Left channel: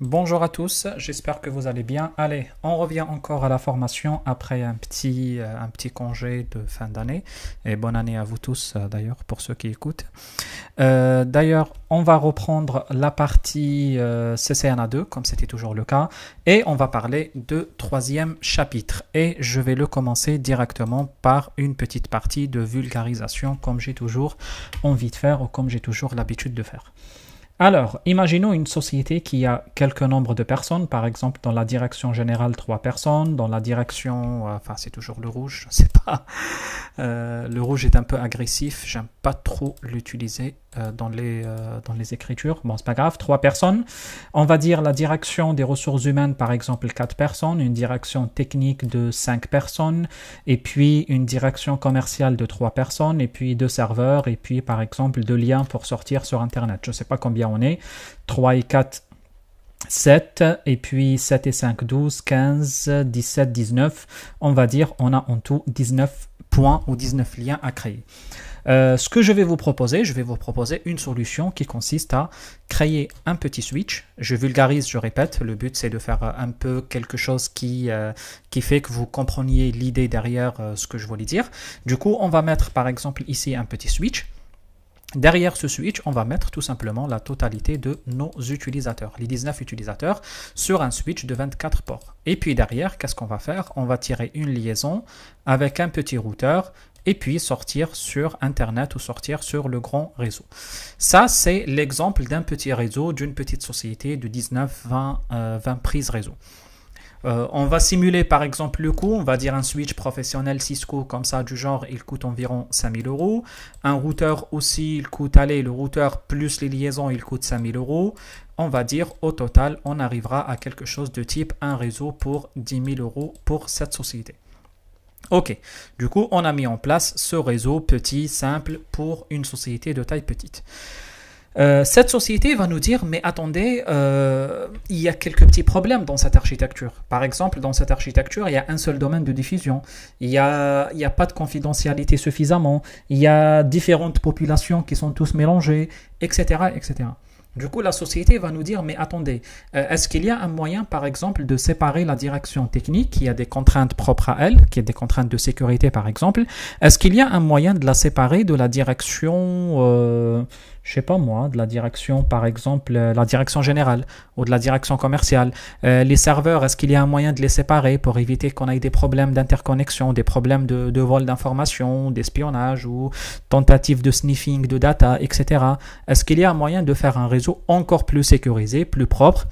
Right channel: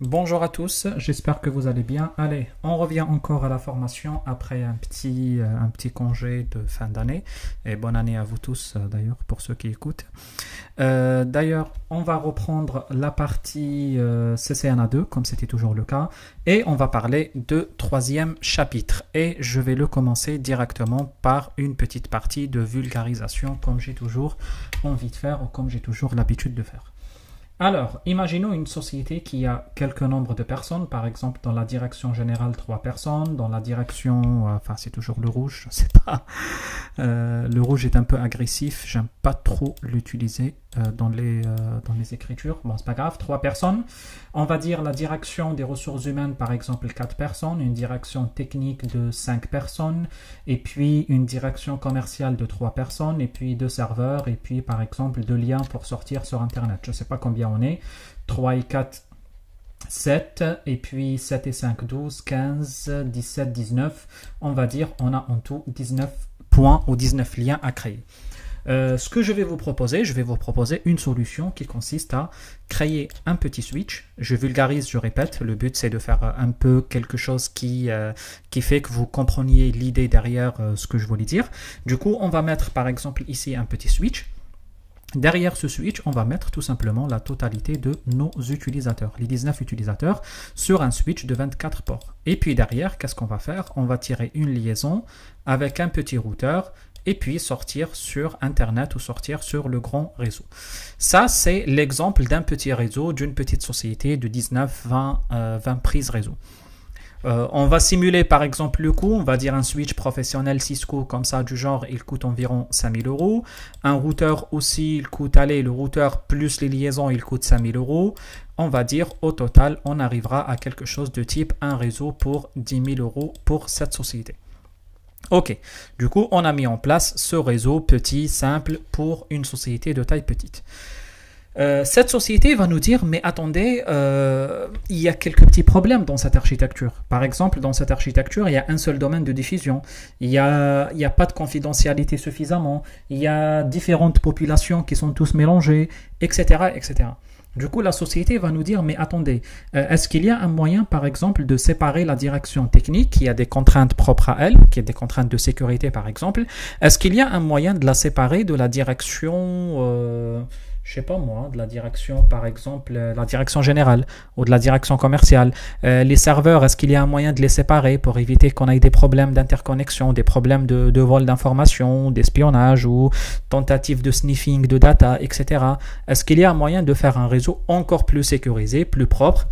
Bonjour à tous, j'espère que vous allez bien. Allez, on revient encore à la formation après un petit congé de fin d'année. Et bonne année à vous tous d'ailleurs pour ceux qui écoutent. D'ailleurs, on va reprendre la partie CCNA2 comme c'était toujours le cas. Et on va parler de troisième chapitre. Et je vais le commencer directement par une petite partie de vulgarisation comme j'ai toujours envie de faire ou comme j'ai toujours l'habitude de faire. Alors, imaginons une société qui a quelques nombres de personnes, par exemple dans la direction générale 3 personnes, dans la direction, enfin c'est toujours le rouge, je ne sais pas, le rouge est un peu agressif, j'aime pas trop l'utiliser dans les écritures, bon c'est pas grave, 3 personnes, on va dire la direction des ressources humaines par exemple 4 personnes, une direction technique de 5 personnes, et puis une direction commerciale de 3 personnes, et puis 2 serveurs, et puis par exemple 2 liens pour sortir sur internet, je ne sais pas combien on est, 3 et 4, 7, et puis 7 et 5, 12, 15, 17, 19, on va dire on a en tout 19 points ou 19 liens à créer. Ce que je vais vous proposer une solution qui consiste à créer un petit switch. Je vulgarise, je répète, le but c'est de faire un peu quelque chose qui fait que vous compreniez l'idée derrière ce que je voulais dire. Du coup, on va mettre par exemple ici un petit switch. Derrière ce switch, on va mettre tout simplement la totalité de nos utilisateurs, les 19 utilisateurs, sur un switch de 24 ports. Et puis derrière, qu'est-ce qu'on va faire? On va tirer une liaison avec un petit routeur et puis sortir sur Internet ou sortir sur le grand réseau. Ça, c'est l'exemple d'un petit réseau, d'une petite société de 19-20 prises réseau. On va simuler par exemple le coût, on va dire un switch professionnel Cisco comme ça du genre, il coûte environ 5000 €. Un routeur aussi, il coûte, allez, le routeur plus les liaisons, il coûte 5000 €. On va dire au total, on arrivera à quelque chose de type un réseau pour 10 000 € pour cette société. Ok, du coup, on a mis en place ce réseau petit, simple pour une société de taille petite. Cette société va nous dire, mais attendez, il y a quelques petits problèmes dans cette architecture. Par exemple, dans cette architecture, il y a un seul domaine de diffusion. Il y a pas de confidentialité suffisamment. Il y a différentes populations qui sont tous mélangées, etc., etc. Du coup, la société va nous dire, mais attendez, est-ce qu'il y a un moyen, par exemple, de séparer la direction technique, qui a des contraintes propres à elle, qui a des contraintes de sécurité, par exemple. Est-ce qu'il y a un moyen de la séparer de la direction... je sais pas moi, de la direction, par exemple, la direction générale ou de la direction commerciale. Les serveurs, est-ce qu'il y a un moyen de les séparer pour éviter qu'on ait des problèmes d'interconnexion, des problèmes de vol d'informations, d'espionnage ou tentatives de sniffing de data, etc. Est-ce qu'il y a un moyen de faire un réseau encore plus sécurisé, plus propre,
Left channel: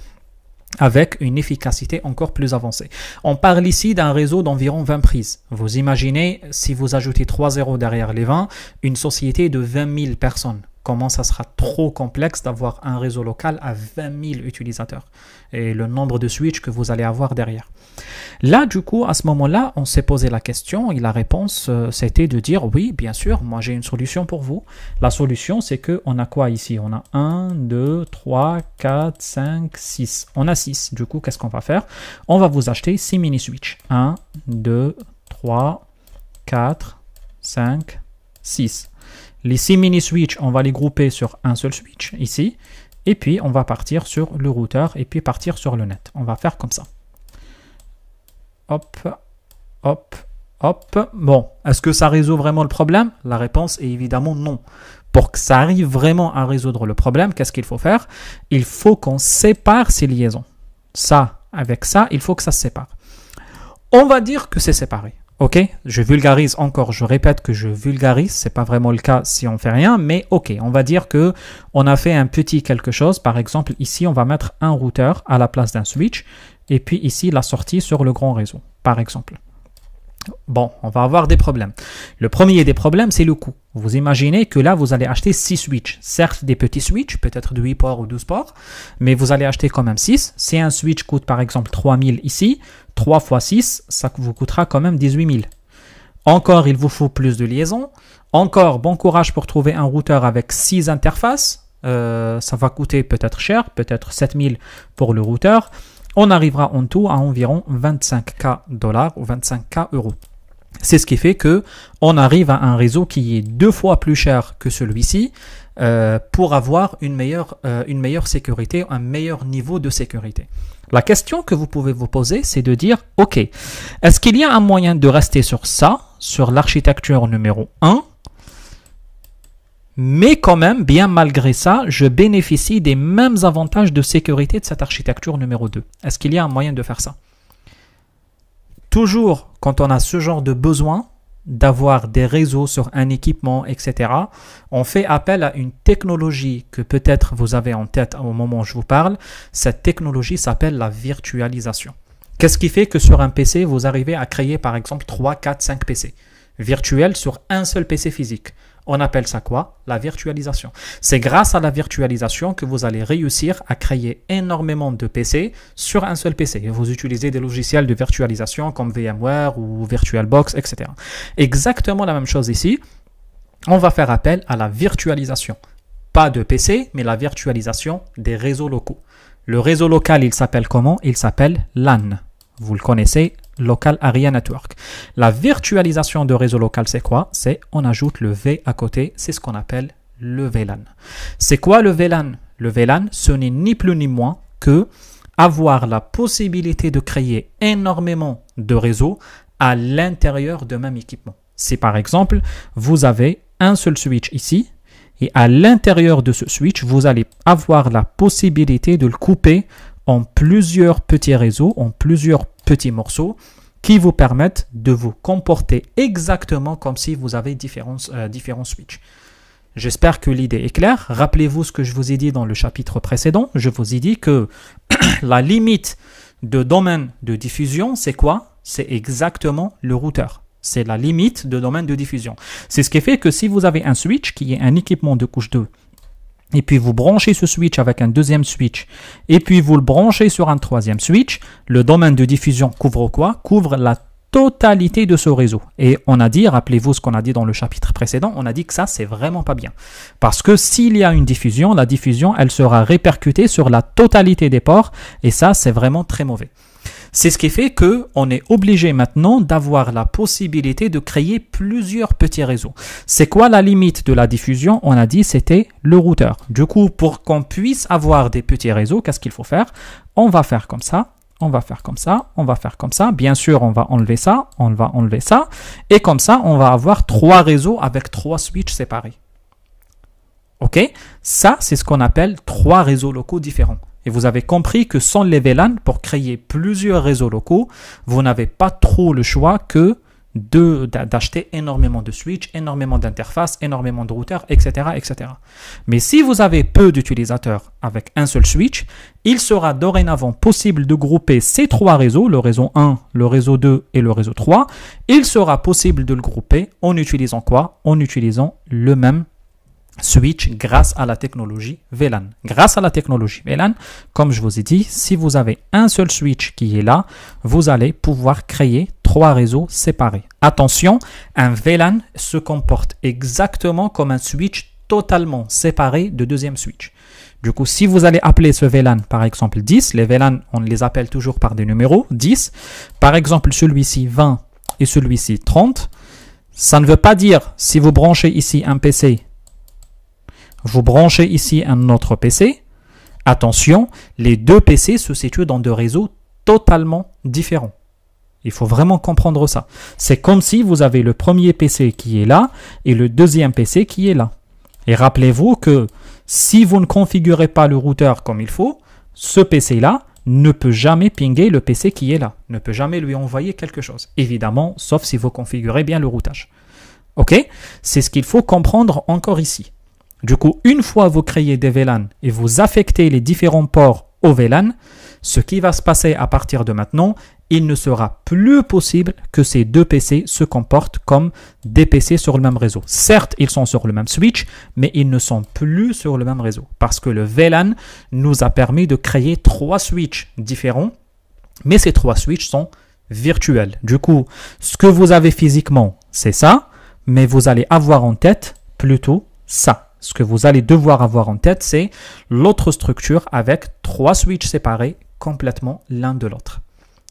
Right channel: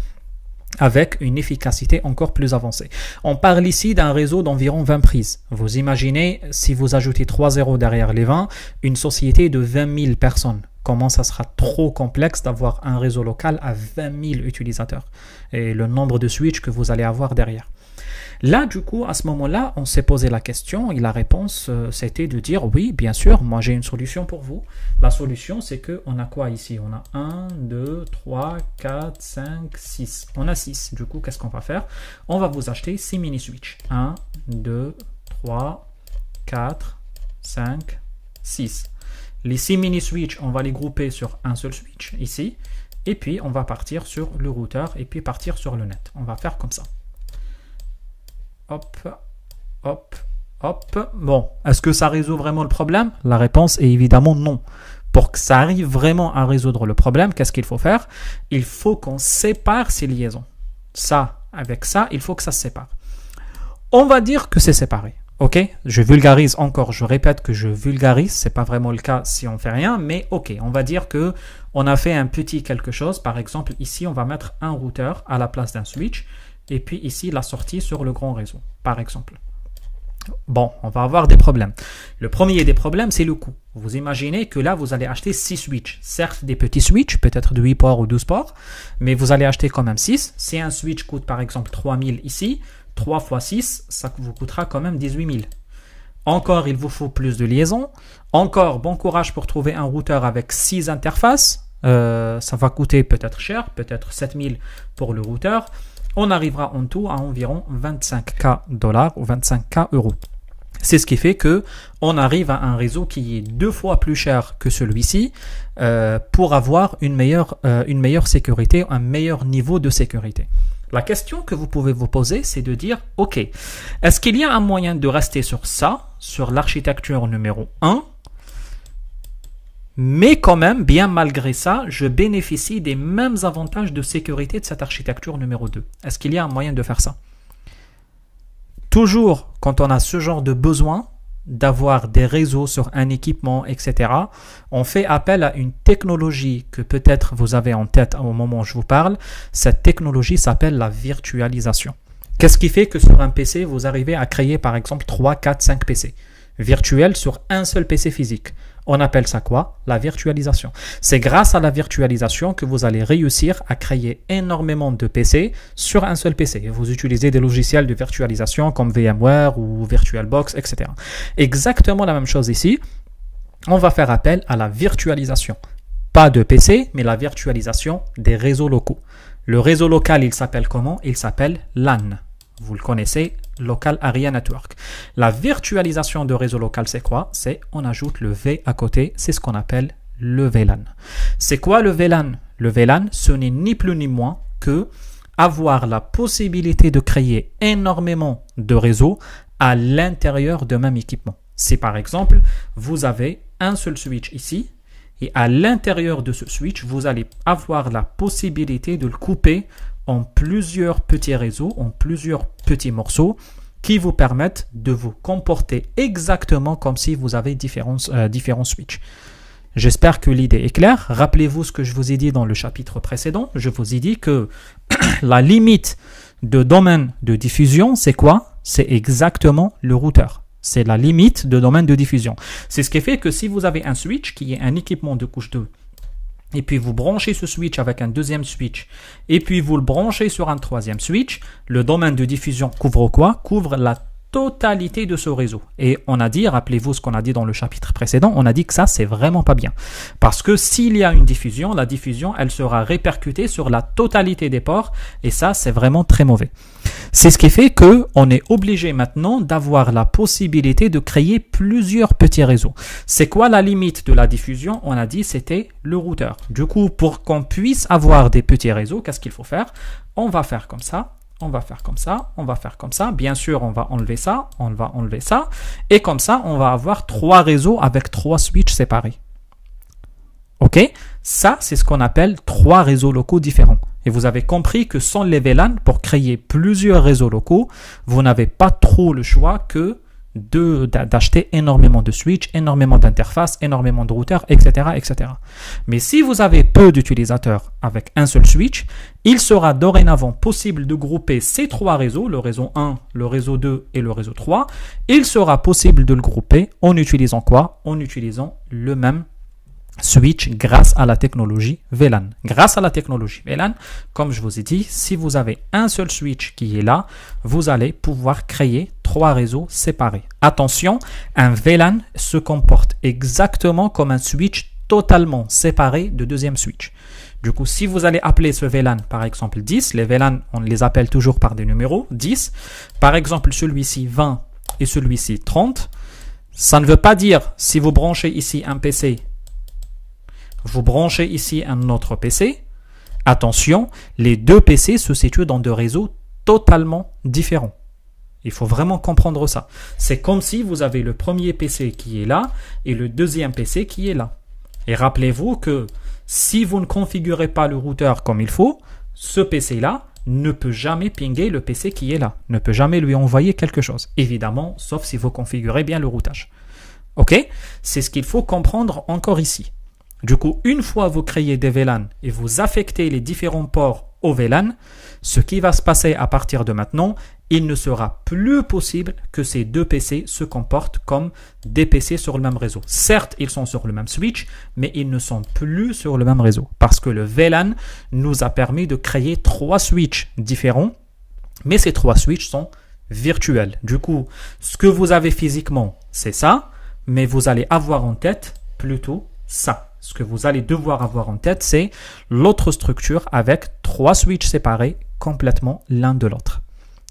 avec une efficacité encore plus avancée. On parle ici d'un réseau d'environ 20 prises. Vous imaginez, si vous ajoutez 3 zéros derrière les 20, une société de 20 000 personnes. Comment ça sera trop complexe d'avoir un réseau local à 20 000 utilisateurs et le nombre de switches que vous allez avoir derrière. Là, du coup, à ce moment-là, on s'est posé la question et la réponse, c'était de dire oui, bien sûr, moi j'ai une solution pour vous. La solution, c'est qu'on a quoi ici? On a 1, 2, 3, 4, 5, 6. On a 6. Du coup, qu'est-ce qu'on va faire? On va vous acheter 6 mini-switches. 1, 2, 3, 4, 5, 6. Les 6 mini-switches, on va les grouper sur un seul switch, ici. Et puis, on va partir sur le routeur et puis partir sur le net. On va faire comme ça. Hop, hop, hop. Bon, est-ce que ça résout vraiment le problème? La réponse est évidemment non. Pour que ça arrive vraiment à résoudre le problème, qu'est-ce qu'il faut faire? Il faut qu'on sépare ces liaisons. Ça, avec ça, il faut que ça se sépare. On va dire que c'est séparé. Ok, je vulgarise encore, je répète que je vulgarise, c'est pas vraiment le cas si on fait rien, mais ok, on va dire que on a fait un petit quelque chose. Par exemple, ici, on va mettre un routeur à la place d'un switch, et puis ici, la sortie sur le grand réseau, par exemple. Bon, on va avoir des problèmes. Le premier des problèmes, c'est le coût. Vous imaginez que là, vous allez acheter 6 switches. Certes, des petits switches, peut-être de 8 ports ou 12 ports, mais vous allez acheter quand même 6. Si un switch coûte par exemple 3000 ici, 3 fois 6, ça vous coûtera quand même 18 000. Encore, il vous faut plus de liaisons. Encore, bon courage pour trouver un routeur avec 6 interfaces. Ça va coûter peut-être cher, peut-être 7000 pour le routeur. On arrivera en tout à environ 25K $ ou 25K €. C'est ce qui fait que on arrive à un réseau qui est 2 fois plus cher que celui-ci pour avoir une meilleure sécurité, un meilleur niveau de sécurité. La question que vous pouvez vous poser, c'est de dire, ok, est-ce qu'il y a un moyen de rester sur ça, sur l'architecture numéro 1, mais quand même, bien malgré ça, je bénéficie des mêmes avantages de sécurité de cette architecture numéro 2. Est-ce qu'il y a un moyen de faire ça? Toujours, quand on a ce genre de besoin d'avoir des réseaux sur un équipement, etc., on fait appel à une technologie que peut-être vous avez en tête au moment où je vous parle. Cette technologie s'appelle la virtualisation. Qu'est-ce qui fait que sur un PC, vous arrivez à créer par exemple 3, 4, 5 PC virtuels sur un seul PC physique? On appelle ça quoi? La virtualisation. C'est grâce à la virtualisation que vous allez réussir à créer énormément de PC sur un seul PC. Vous utilisez des logiciels de virtualisation comme VMware ou VirtualBox, etc. Exactement la même chose ici. On va faire appel à la virtualisation. Pas de PC, mais la virtualisation des réseaux locaux. Le réseau local, il s'appelle comment? Il s'appelle LAN. Vous le connaissez, Local Area Network. La virtualisation de réseau local, c'est quoi? C'est on ajoute le V à côté, c'est ce qu'on appelle le VLAN. C'est quoi le VLAN? Le VLAN, ce n'est ni plus ni moins que avoir la possibilité de créer énormément de réseaux à l'intérieur de même équipement. Si par exemple, vous avez un seul switch ici, et à l'intérieur de ce switch, vous allez avoir la possibilité de le couper en plusieurs petits réseaux, en plusieurs petits morceaux qui vous permettent de vous comporter exactement comme si vous avez différents switches. J'espère que l'idée est claire. Rappelez-vous ce que je vous ai dit dans le chapitre précédent. Je vous ai dit que la limite de domaine de diffusion, c'est quoi? C'est exactement le routeur. C'est la limite de domaine de diffusion. C'est ce qui fait que si vous avez un switch qui est un équipement de couche 2, et puis vous branchez ce switch avec un deuxième switch, et puis vous le branchez sur un troisième switch, le domaine de diffusion couvre quoi? Couvre la totalité de ce réseau. Et on a dit, rappelez-vous ce qu'on a dit dans le chapitre précédent, on a dit que ça, c'est vraiment pas bien. Parce que s'il y a une diffusion, la diffusion, elle sera répercutée sur la totalité des ports, et ça, c'est vraiment très mauvais. C'est ce qui fait qu'on est obligé maintenant d'avoir la possibilité de créer plusieurs petits réseaux. C'est quoi la limite de la diffusion? On a dit c'était le routeur. Du coup, pour qu'on puisse avoir des petits réseaux, qu'est-ce qu'il faut faire? On va faire comme ça, on va faire comme ça, on va faire comme ça. Bien sûr, on va enlever ça, on va enlever ça. Et comme ça, on va avoir 3 réseaux avec 3 switches séparés. Ok? Ça, c'est ce qu'on appelle 3 réseaux locaux différents. Et vous avez compris que sans les VLAN, pour créer plusieurs réseaux locaux, vous n'avez pas trop le choix que d'acheter énormément de switches, énormément d'interfaces, énormément de routeurs, etc., etc. Mais si vous avez peu d'utilisateurs avec un seul switch, il sera dorénavant possible de grouper ces 3 réseaux, le réseau 1, le réseau 2 et le réseau 3. Il sera possible de le grouper en utilisant quoi? En utilisant le même switch grâce à la technologie VLAN. Grâce à la technologie VLAN, comme je vous ai dit, si vous avez un seul switch qui est là, vous allez pouvoir créer 3 réseaux séparés. Attention, un VLAN se comporte exactement comme un switch totalement séparé de deuxième switch. Du coup, si vous allez appeler ce VLAN par exemple 10, les VLAN, on les appelle toujours par des numéros, 10, par exemple celui-ci 20 et celui-ci 30, ça ne veut pas dire si vous branchez ici un PC, vous branchez ici un autre PC. Attention, les 2 PC se situent dans 2 réseaux totalement différents. Il faut vraiment comprendre ça. C'est comme si vous avez le premier PC qui est là et le deuxième PC qui est là. Et rappelez-vous que si vous ne configurez pas le routeur comme il faut, ce PC-là ne peut jamais pinguer le PC qui est là, ne peut jamais lui envoyer quelque chose. Évidemment, sauf si vous configurez bien le routage. Ok? C'est ce qu'il faut comprendre encore ici. Du coup, une fois vous créez des VLAN et vous affectez les différents ports au VLAN, ce qui va se passer à partir de maintenant, il ne sera plus possible que ces 2 PC se comportent comme des PC sur le même réseau. Certes, ils sont sur le même switch, mais ils ne sont plus sur le même réseau parce que le VLAN nous a permis de créer 3 switches différents, mais ces 3 switches sont virtuels. Du coup, ce que vous avez physiquement, c'est ça, mais vous allez avoir en tête plutôt ça. Ce que vous allez devoir avoir en tête, c'est l'autre structure avec 3 switches séparés complètement l'un de l'autre.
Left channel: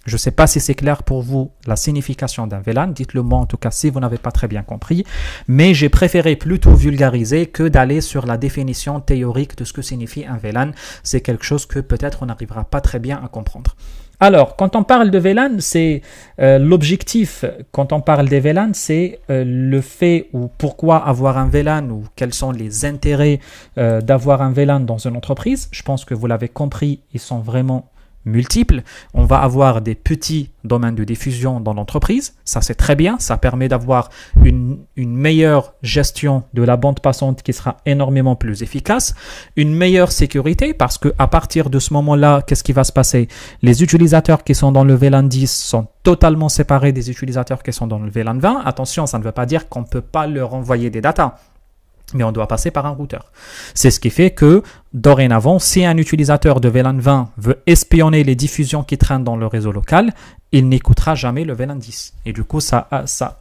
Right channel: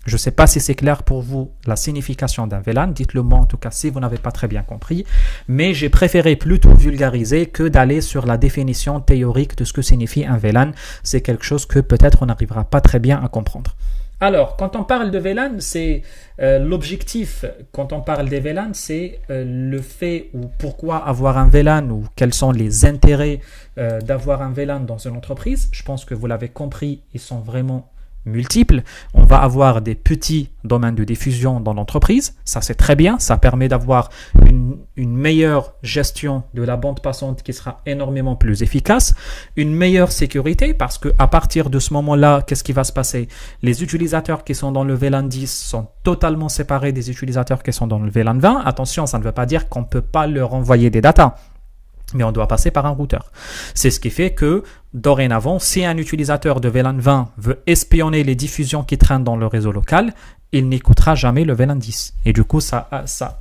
Je ne sais pas si c'est clair pour vous la signification d'un VLAN. Dites-le moi en tout cas si vous n'avez pas très bien compris. Mais j'ai préféré plutôt vulgariser que d'aller sur la définition théorique de ce que signifie un VLAN. C'est quelque chose que peut-être on n'arrivera pas très bien à comprendre. Alors, quand on parle de VLAN, c'est l'objectif, quand on parle des VLAN, c'est le fait ou pourquoi avoir un VLAN ou quels sont les intérêts d'avoir un VLAN dans une entreprise. Je pense que vous l'avez compris, ils sont vraiment multiples. On va avoir des petits domaines de diffusion dans l'entreprise. Ça, c'est très bien. Ça permet d'avoir une meilleure gestion de la bande passante qui sera énormément plus efficace. Une meilleure sécurité parce qu'à partir de ce moment-là, qu'est-ce qui va se passer? Les utilisateurs qui sont dans le VLAN 10 sont totalement séparés des utilisateurs qui sont dans le VLAN 20. Attention, ça ne veut pas dire qu'on ne peut pas leur envoyer des datas. Mais on doit passer par un routeur. C'est ce qui fait que, dorénavant, si un utilisateur de VLAN 20 veut espionner les diffusions qui traînent dans le réseau local, il n'écoutera jamais le VLAN 10. Et du coup, ça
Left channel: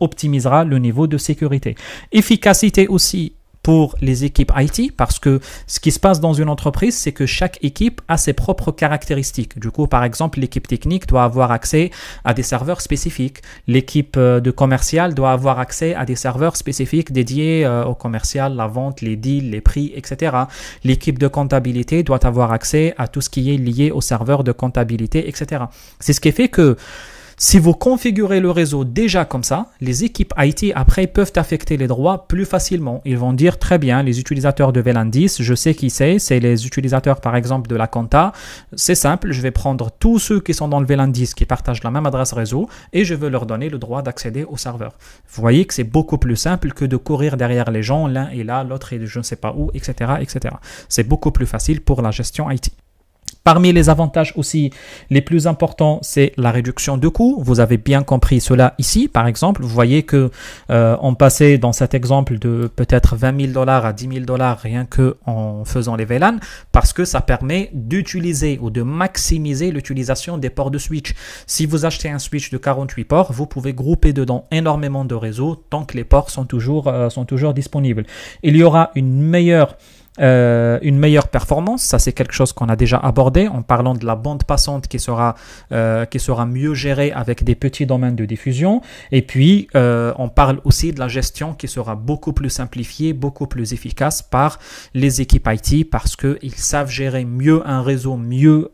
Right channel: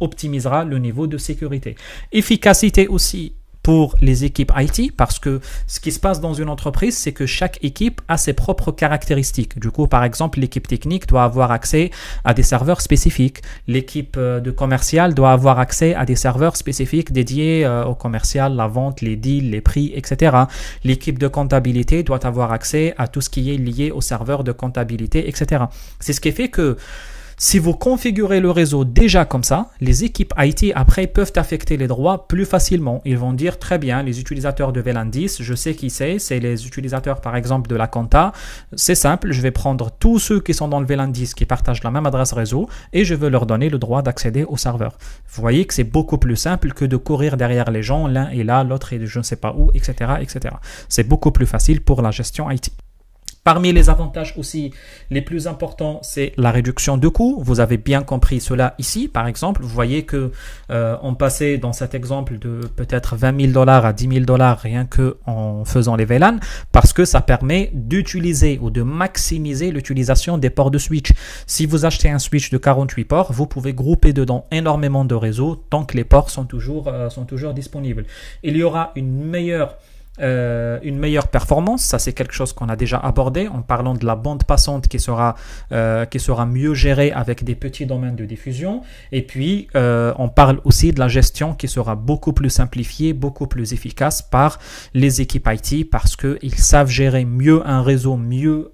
optimisera le niveau de sécurité. Efficacité aussi pour les équipes IT, parce que ce qui se passe dans une entreprise, c'est que chaque équipe a ses propres caractéristiques. Du coup, par exemple, l'équipe technique doit avoir accès à des serveurs spécifiques. L'équipe de commercial doit avoir accès à des serveurs spécifiques dédiés au commercial, la vente, les deals, les prix, etc. L'équipe de comptabilité doit avoir accès à tout ce qui est lié aux serveurs de comptabilité, etc. C'est ce qui fait que si vous configurez le réseau déjà comme ça, les équipes IT après peuvent affecter les droits plus facilement. Ils vont dire très bien, les utilisateurs de VLAN 10, je sais qui c'est les utilisateurs par exemple de la compta. C'est simple, je vais prendre tous ceux qui sont dans le VLAN 10 qui partagent la même adresse réseau et je veux leur donner le droit d'accéder au serveur. Vous voyez que c'est beaucoup plus simple que de courir derrière les gens, l'un est là, l'autre est je ne sais pas où, etc., etc. C'est beaucoup plus facile pour la gestion IT. Parmi les avantages aussi les plus importants, c'est la réduction de coûts. Vous avez bien compris cela ici, par exemple. Vous voyez que on passait dans cet exemple de peut-être 20 000 $ à 10 000 $ rien que en faisant les VLAN, parce que ça permet d'utiliser ou de maximiser l'utilisation des ports de switch. Si vous achetez un switch de 48 ports, vous pouvez grouper dedans énormément de réseaux tant que les ports sont toujours disponibles. Il y aura une meilleure performance, ça c'est quelque chose qu'on a déjà abordé en parlant de la bande passante qui sera mieux gérée avec des petits domaines de diffusion, et puis on parle aussi de la gestion qui sera beaucoup plus simplifiée, beaucoup plus efficace par les équipes IT parce qu'ils savent gérer mieux un réseau, mieux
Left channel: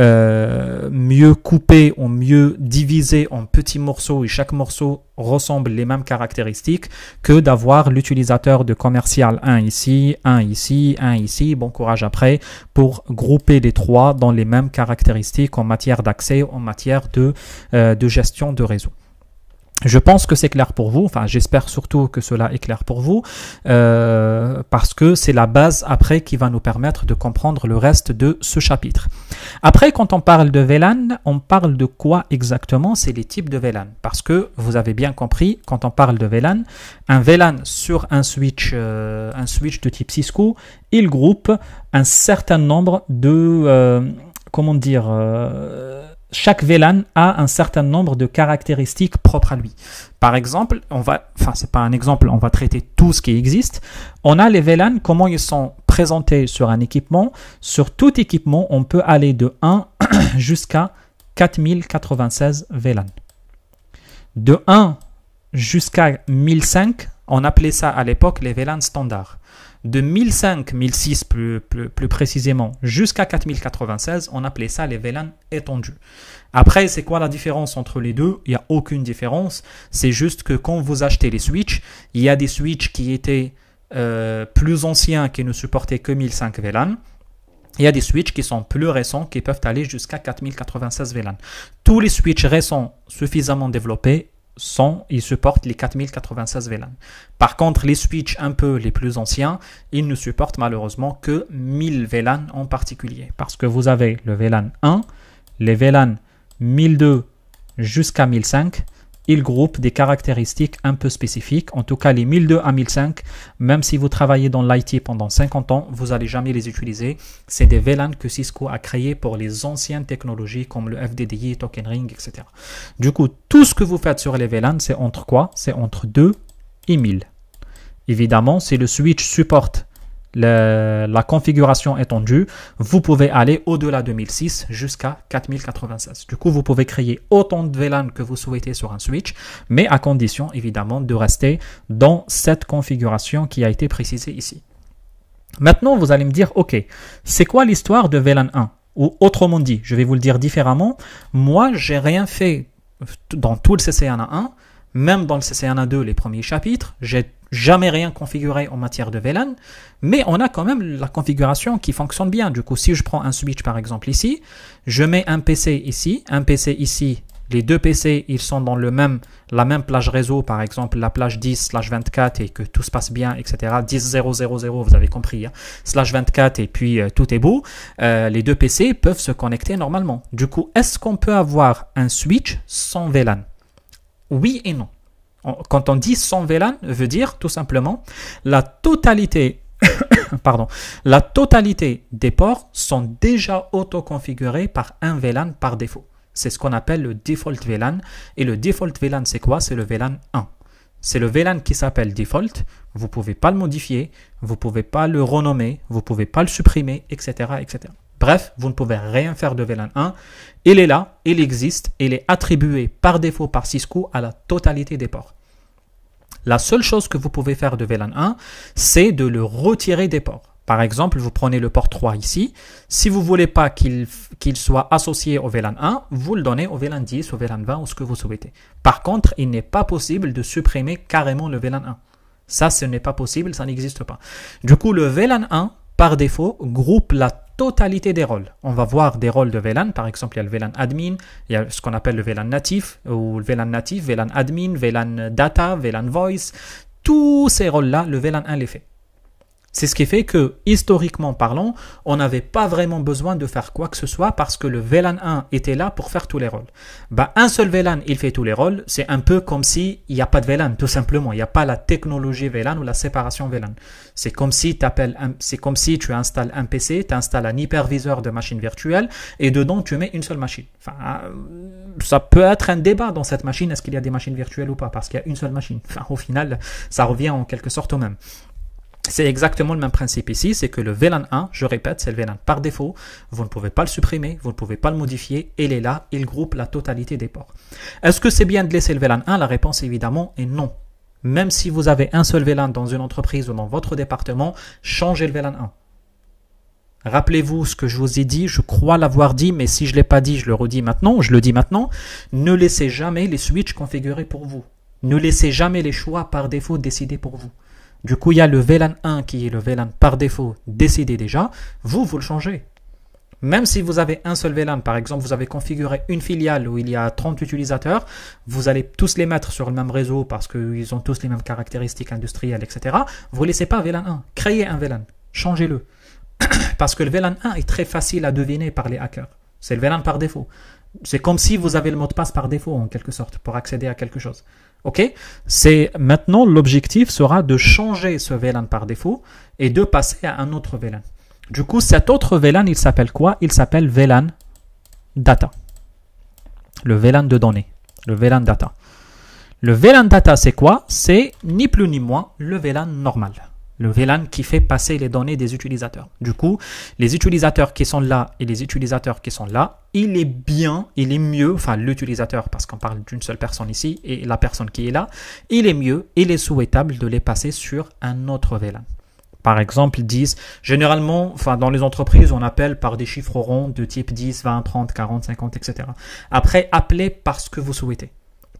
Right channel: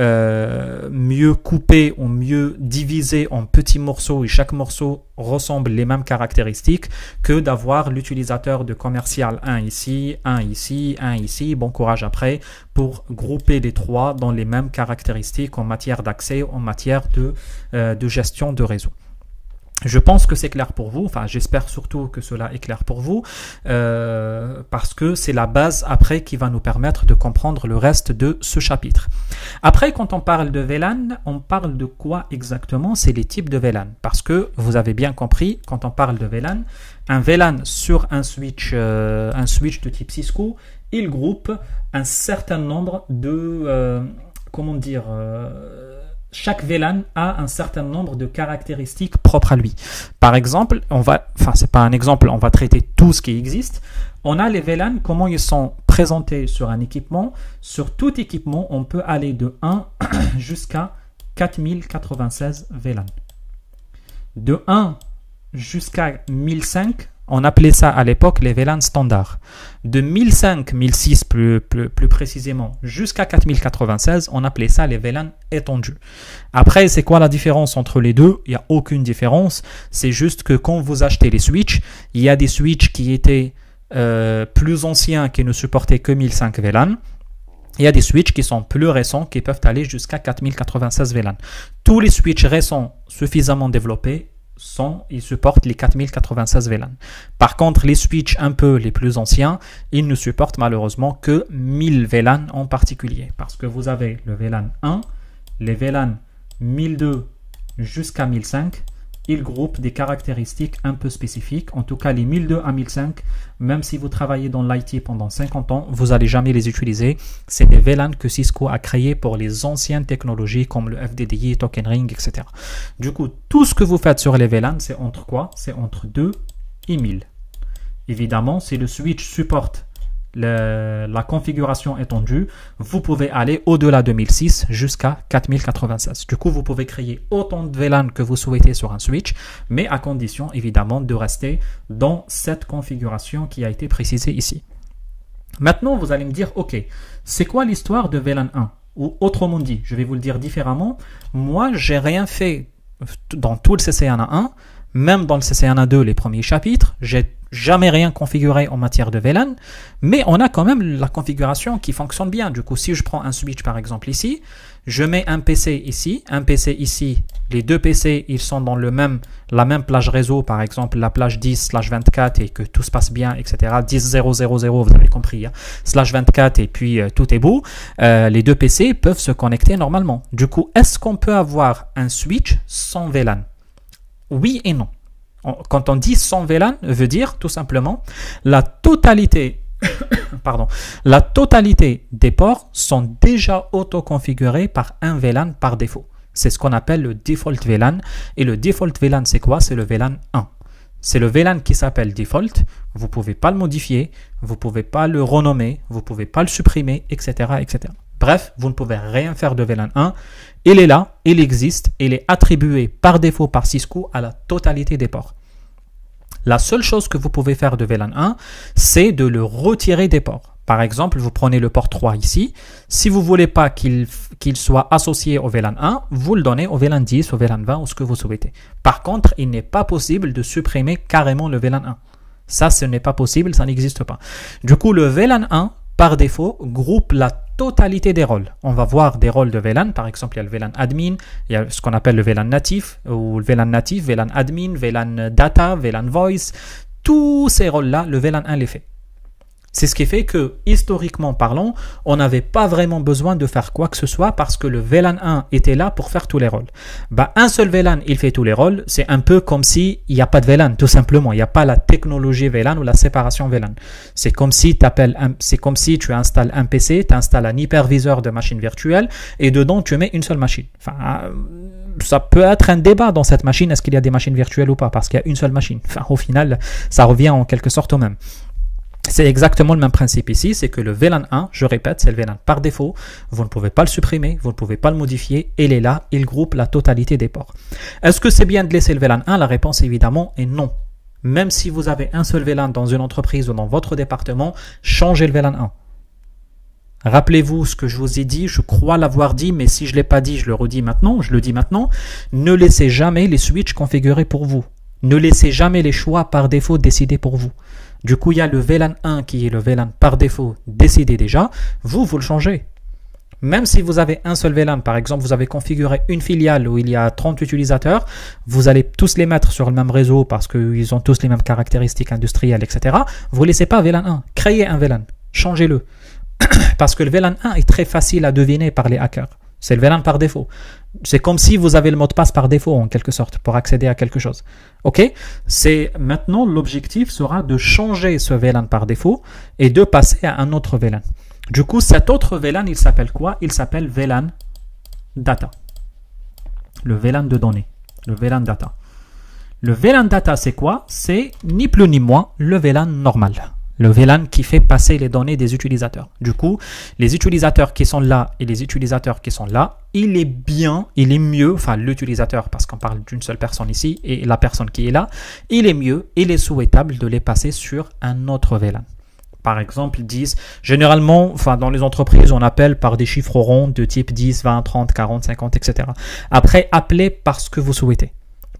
mieux coupé ou mieux divisé en petits morceaux et chaque morceau ressemble les mêmes caractéristiques que d'avoir l'utilisateur de commercial un ici, un ici, un ici, bon courage après, pour grouper les trois dans les mêmes caractéristiques en matière d'accès, en matière de gestion de réseau. Je pense que c'est clair pour vous, enfin j'espère surtout que cela est clair pour vous, parce que c'est la base après qui va nous permettre de comprendre le reste de ce chapitre. Après, quand on parle de VLAN, on parle de quoi exactement? C'est les types de VLAN, parce que vous avez bien compris, quand on parle de VLAN, un VLAN sur un switch de type Cisco, il groupe un certain nombre de, chaque VLAN a un certain nombre de caractéristiques propres à lui. Par exemple, c'est pas un exemple, on va traiter tout ce qui existe. On a les VLAN, comment ils sont présentés sur un équipement. Sur tout équipement, on peut aller de 1 jusqu'à 4096 VLAN. De 1 jusqu'à 1005, on appelait ça à l'époque les VLAN standards. De 1005, 1006 plus précisément, jusqu'à 4096, on appelait ça les VLAN étendus. Après, c'est quoi la différence entre les deux? Il n'y a aucune différence. C'est juste que quand vous achetez les switches, il y a des switches qui étaient plus anciens qui ne supportaient que 1005 VLAN. Il y a des switches qui sont plus récents qui peuvent aller jusqu'à 4096 VLAN. Tous les switches récents suffisamment développés ils supportent les 4096 VLAN. Par contre, les switches un peu les plus anciens, ils ne supportent malheureusement que 1000 VLAN en particulier. Parce que vous avez le VLAN 1, les VLAN 1002 jusqu'à 1005, ils groupent des caractéristiques un peu spécifiques. En tout cas, les 1002 à 1005, même si vous travaillez dans l'IT pendant 50 ans, vous n'allez jamais les utiliser. C'est des VLAN que Cisco a créés pour les anciennes technologies comme le FDDI, Token Ring, etc. Du coup, tout ce que vous faites sur les VLAN, c'est entre quoi? C'est entre 2 et 1000. Évidemment, si le switch supporte la configuration étendue, vous pouvez aller au-delà de 1006 jusqu'à 4096. Du coup, vous pouvez créer autant de VLAN que vous souhaitez sur un switch, mais à condition évidemment de rester dans cette configuration qui a été précisée ici. Maintenant, vous allez me dire, ok, c'est quoi l'histoire de VLAN 1? Ou autrement dit, je vais vous le dire différemment, moi, j'ai rien fait dans tout le CCNA 1, même dans le CCNA 2, les premiers chapitres, j'ai jamais rien configuré en matière de VLAN, mais on a quand même la configuration qui fonctionne bien. Du coup, si je prends un switch par exemple ici, je mets un PC ici, les deux PC, ils sont dans la même plage réseau, par exemple la plage 10/24 et que tout se passe bien, etc. 10.0.0.0, vous avez compris, hein, /24 et puis tout est beau. Les deux PC peuvent se connecter normalement. Du coup, est-ce qu'on peut avoir un switch sans VLAN? Oui et non. Quand on dit sans VLAN, veut dire tout simplement la totalité des ports sont déjà auto-configurés par un VLAN par défaut. C'est ce qu'on appelle le default VLAN. Et le default VLAN, c'est quoi? C'est le VLAN 1. C'est le VLAN qui s'appelle default. Vous ne pouvez pas le modifier, vous ne pouvez pas le renommer, vous ne pouvez pas le supprimer, etc., etc. Bref, vous ne pouvez rien faire de VLAN 1. Il est là, il existe, il est attribué par défaut par Cisco à la totalité des ports. La seule chose que vous pouvez faire de VLAN 1, c'est de le retirer des ports. Par exemple, vous prenez le port 3 ici. Si vous ne voulez pas qu'il soit associé au VLAN 1, vous le donnez au VLAN 10, au VLAN 20 ou ce que vous souhaitez. Par contre, il n'est pas possible de supprimer carrément le VLAN 1. Ça, ce n'est pas possible, ça n'existe pas. Du coup, le VLAN 1, par défaut, groupe la totalité des rôles. On va voir des rôles de VLAN. Par exemple, il y a le VLAN admin, il y a ce qu'on appelle le VLAN natif, ou le VLAN natif, VLAN admin, VLAN data, VLAN voice. Tous ces rôles-là, le VLAN 1 les fait. C'est ce qui fait que, historiquement parlant, on n'avait pas vraiment besoin de faire quoi que ce soit parce que le VLAN 1 était là pour faire tous les rôles. Un seul VLAN, il fait tous les rôles. C'est un peu comme s'il n'y a pas de VLAN, tout simplement. Il n'y a pas la technologie VLAN ou la séparation VLAN. C'est comme si tu installes un PC, tu installes un hyperviseur de machine virtuelle et dedans, tu mets une seule machine. Ça peut être un débat dans cette machine. Est-ce qu'il y a des machines virtuelles ou pas? Parce qu'il y a une seule machine. Au final, ça revient en quelque sorte au même. C'est exactement le même principe ici, c'est que le VLAN 1, je répète, c'est le VLAN par défaut, vous ne pouvez pas le supprimer, vous ne pouvez pas le modifier, il est là, il groupe la totalité des ports. Est-ce que c'est bien de laisser le VLAN 1? La réponse évidemment est non. Même si vous avez un seul VLAN dans une entreprise ou dans votre département, changez le VLAN 1. Rappelez-vous ce que je vous ai dit, je crois l'avoir dit, mais si je ne l'ai pas dit, je le dis maintenant, ne laissez jamais les switches configurés pour vous. Ne laissez jamais les choix par défaut décidés pour vous. Du coup, il y a le VLAN 1 qui est le VLAN par défaut décidé déjà. Vous le changez. Même si vous avez un seul VLAN, par exemple, vous avez configuré une filiale où il y a 30 utilisateurs, vous allez tous les mettre sur le même réseau parce qu'ils ont tous les mêmes caractéristiques industrielles, etc. Vous ne laissez pas VLAN 1. Créez un VLAN. Changez-le. Parce que le VLAN 1 est très facile à deviner par les hackers. C'est le VLAN par défaut. C'est comme si vous avez le mot de passe par défaut en quelque sorte pour accéder à quelque chose. Ok? Maintenant l'objectif sera de changer ce VLAN par défaut et de passer à un autre VLAN. Du coup, cet autre VLAN, il s'appelle quoi? Il s'appelle VLAN data. Le VLAN de données. Le VLAN data. Le VLAN data, c'est quoi? C'est ni plus ni moins le VLAN normal. Le VLAN qui fait passer les données des utilisateurs. Du coup, les utilisateurs qui sont là et les utilisateurs qui sont là, il est mieux, enfin l'utilisateur, parce qu'on parle d'une seule personne ici, et la personne qui est là, il est mieux, il est souhaitable de les passer sur un autre VLAN. Par exemple, 10, généralement, dans les entreprises, on appelle par des chiffres ronds de type 10, 20, 30, 40, 50, etc. Après, appelez par ce que vous souhaitez.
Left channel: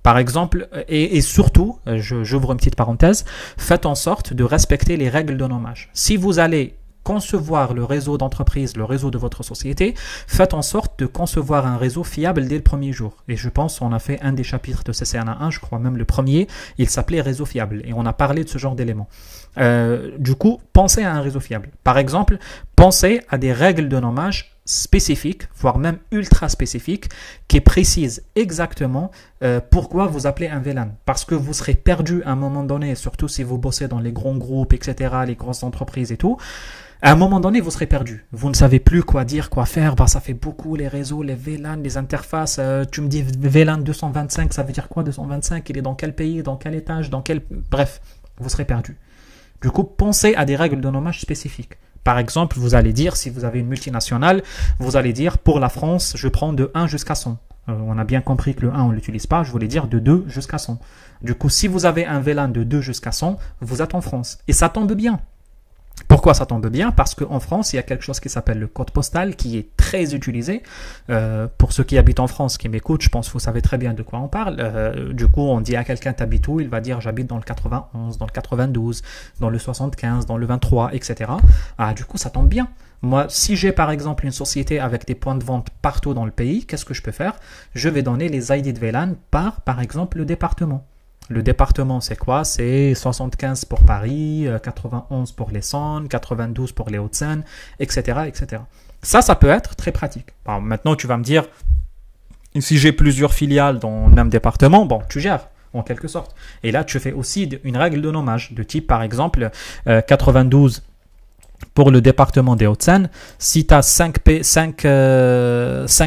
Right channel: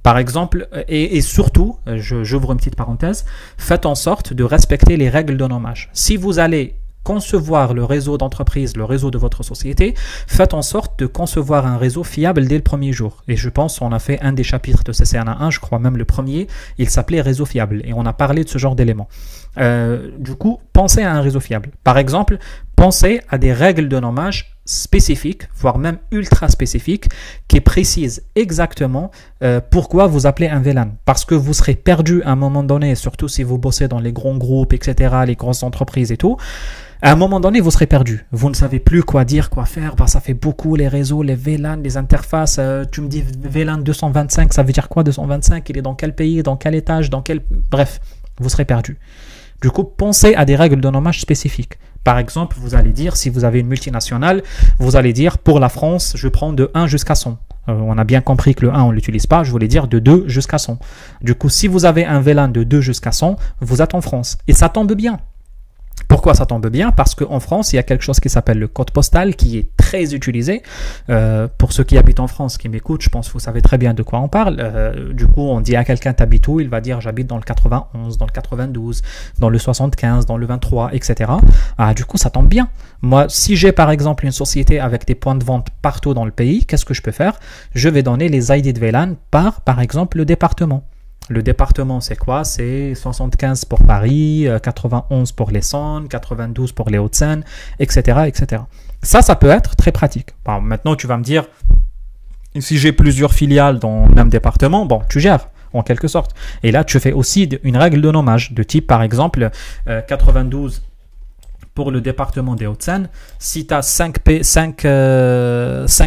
Par exemple, et surtout, j'ouvre une petite parenthèse, faites en sorte de respecter les règles de nommage. Si vous allez concevoir le réseau d'entreprise, le réseau de votre société, faites en sorte de concevoir un réseau fiable dès le premier jour. Et je pense qu'on a fait un des chapitres de CCNA 1, je crois même le premier, il s'appelait réseau fiable. Et on a parlé de ce genre d'éléments. Du coup, pensez à un réseau fiable. Par exemple, pensez à des règles de nommage spécifiques, voire même ultra spécifiques, qui précisent exactement pourquoi vous appelez un VLAN. Parce que vous serez perdu à un moment donné, surtout si vous bossez dans les grands groupes, etc., les grosses entreprises et tout. À un moment donné, vous serez perdu. Vous ne savez plus quoi dire, quoi faire. Ça fait beaucoup les réseaux, les VLAN, les interfaces. Tu me dis VLAN 225, ça veut dire quoi 225? Il est dans quel pays, dans quel étage, dans quel... Bref, vous serez perdu. Du coup, pensez à des règles de nommage spécifiques. Par exemple, vous allez dire, si vous avez une multinationale, vous allez dire, pour la France, je prends de 1 jusqu'à 100. On a bien compris que le 1, on ne l'utilise pas. Je voulais dire de 2 jusqu'à 100. Du coup, si vous avez un VLAN de 2 jusqu'à 100, vous êtes en France. Et ça tombe bien. Pourquoi ça tombe bien? Parce qu'en France, il y a quelque chose qui s'appelle le code postal qui est très utilisé. Pour ceux qui habitent en France, qui m'écoutent, je pense que vous savez très bien de quoi on parle. Du coup, on dit à quelqu'un t'habites où? Il va dire j'habite dans le 91, dans le 92, dans le 75, dans le 23, etc. Ah, du coup, ça tombe bien. Moi, si j'ai par exemple une société avec des points de vente partout dans le pays, qu'est-ce que je peux faire? Je vais donner les ID de VLAN par exemple, le département. Le département, c'est quoi? C'est 75 pour Paris, 91 pour l'Essonne, 92 pour les Hauts-de-Seine, etc., etc. Ça peut être très pratique. Bon, maintenant, tu vas me dire, si j'ai plusieurs filiales dans le même département, bon, tu gères, en quelque sorte. Et là, tu fais aussi une règle de nommage, de type, par exemple, 92 pour le département des Hauts-de-Seine. Si tu as 5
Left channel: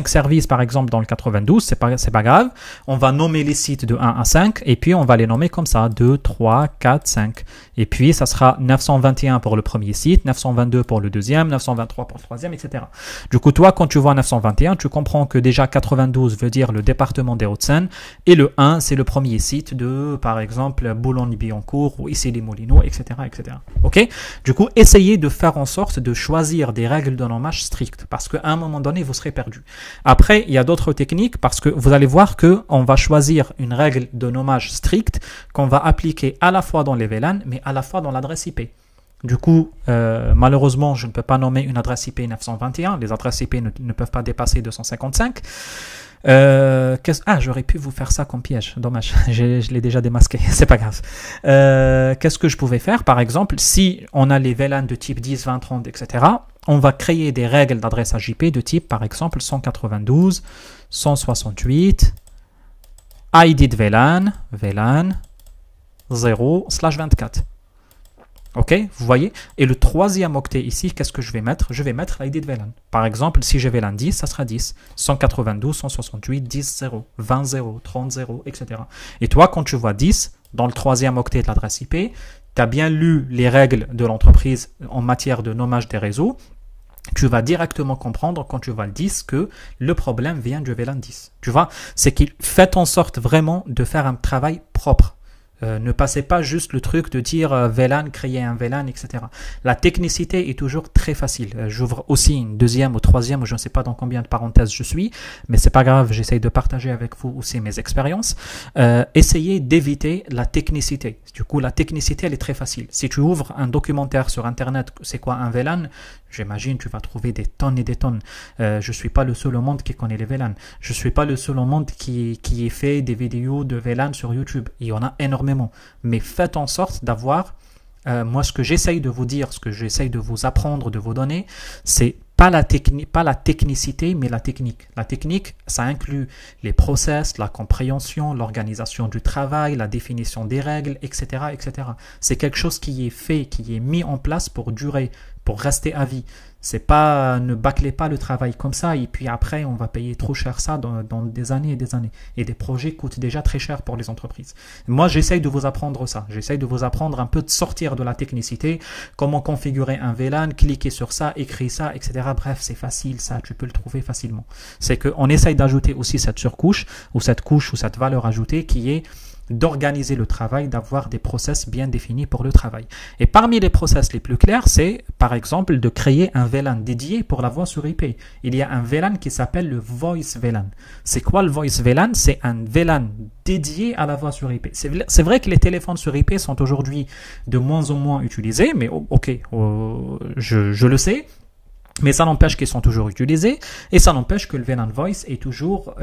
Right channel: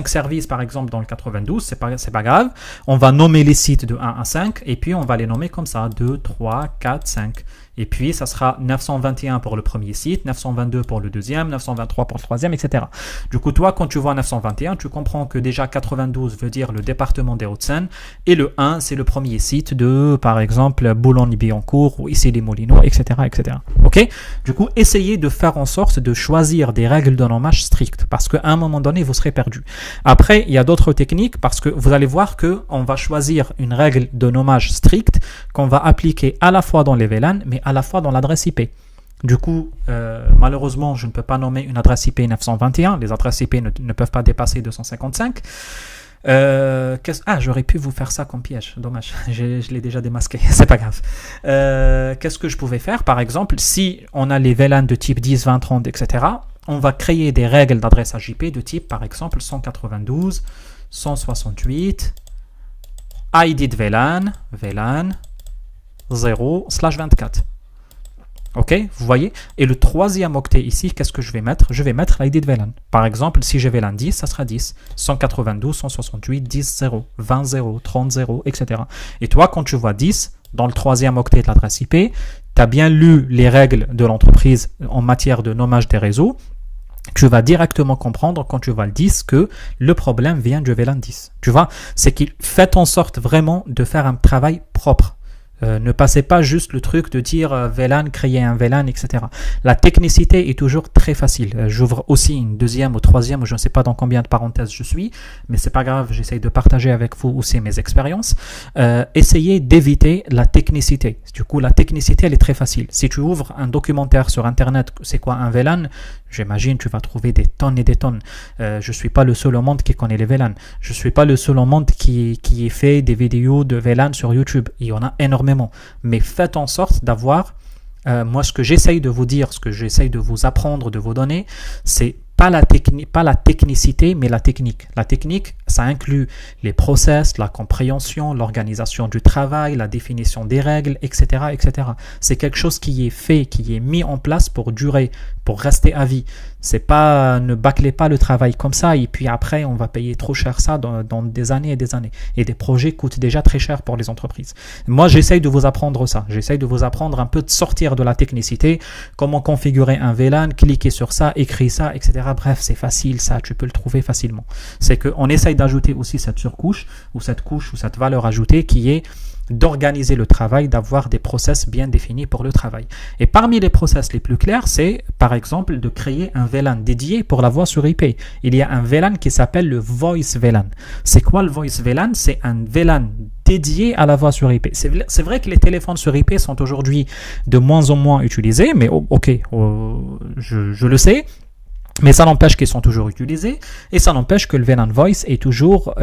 services, par exemple, dans le 92, c'est pas grave. On va nommer les sites de 1 à 5 et puis on va les nommer comme ça, 2, 3, 4, 5. Et puis, ça sera 921 pour le premier site, 922 pour le deuxième, 923 pour le troisième, etc. Du coup, toi, quand tu vois 921, tu comprends que déjà 92 veut dire le département des Hauts-de-Seine et le 1, c'est le premier site de, par exemple, Boulogne-Billancourt ou Issy-les-Moulineaux, etc., etc. OK? Du coup, essayez de faire en sorte de choisir des règles de nommage strictes parce qu'à un moment donné, vous serez perdu. Après, il y a d'autres techniques parce que vous allez voir qu'on va choisir une règle de nommage stricte qu'on va appliquer à la fois dans les VLAN, mais à la fois dans l'adresse IP. Du coup, malheureusement, je ne peux pas nommer une adresse IP 921. Les adresses IP ne peuvent pas dépasser 255. J'aurais pu vous faire ça comme piège. Dommage, je l'ai déjà démasqué. C'est pas grave. Qu'est-ce que je pouvais faire? Par exemple, si on a les VLAN de type 10, 20, 30, etc., on va créer des règles d'adressage IP de type, par exemple, 192, 168, ID de VLAN 0/24. Ok, vous voyez? Et le troisième octet ici, qu'est-ce que je vais mettre? Je vais mettre l'ID de VLAN. Par exemple, si j'ai VLAN 10, ça sera 10. 192, 168, 10, 0, 20, 0, 30, 0, etc. Et toi, quand tu vois 10, dans le troisième octet de l'adresse IP, tu as bien lu les règles de l'entreprise en matière de nommage des réseaux. Tu vas directement comprendre quand tu vois le 10 que le problème vient du VLAN 10. Tu vois, c'est qu'il fait en sorte vraiment de faire un travail propre. Ne passez pas juste le truc de dire VLAN, créer un VLAN, etc. La technicité est toujours très facile. J'ouvre aussi une deuxième ou troisième, ou je ne sais pas dans combien de parenthèses je suis, mais c'est pas grave, j'essaye de partager avec vous aussi mes expériences. Essayez d'éviter la technicité. Du coup, la technicité, elle est très facile. Si tu ouvres un documentaire sur Internet, c'est quoi un VLAN? J'imagine tu vas trouver des tonnes et des tonnes. Je ne suis pas le seul au monde qui connaît les VLAN. Je ne suis pas le seul au monde qui ait fait des vidéos de VLAN sur YouTube. Il y en a énormément. Mais faites en sorte d'avoir, moi ce que j'essaye de vous dire, ce que j'essaye de vous apprendre, de vous donner, c'est pas la technicité, mais la technique. La technique, ça inclut les process, la compréhension, l'organisation du travail, la définition des règles, etc., etc. C'est quelque chose qui est fait, qui est mis en place pour durer, pour rester à vie. C'est pas, ne bâclez pas le travail comme ça et puis après on va payer trop cher ça dans des années et des années. Et des projets coûtent déjà très cher pour les entreprises. Moi j'essaye de vous apprendre ça. J'essaye de vous apprendre un peu de sortir de la technicité, comment configurer un VLAN, cliquer sur ça, écrire ça, etc. Bref, c'est facile ça, tu peux le trouver facilement. C'est qu'on essaye d'ajouter aussi cette surcouche ou cette couche ou cette valeur ajoutée qui est d'organiser le travail, d'avoir des process bien définis pour le travail. Et parmi les process les plus clairs, c'est par exemple de créer un VLAN dédié pour la voix sur IP. Il y a un VLAN qui s'appelle le Voice VLAN. C'est quoi le Voice VLAN? C'est un VLAN dédié à la voix sur IP. C'est vrai que les téléphones sur IP sont aujourd'hui de moins en moins utilisés, mais ok, je le sais. Mais ça n'empêche qu'ils sont toujours utilisés et ça n'empêche que le VLAN Voice est toujours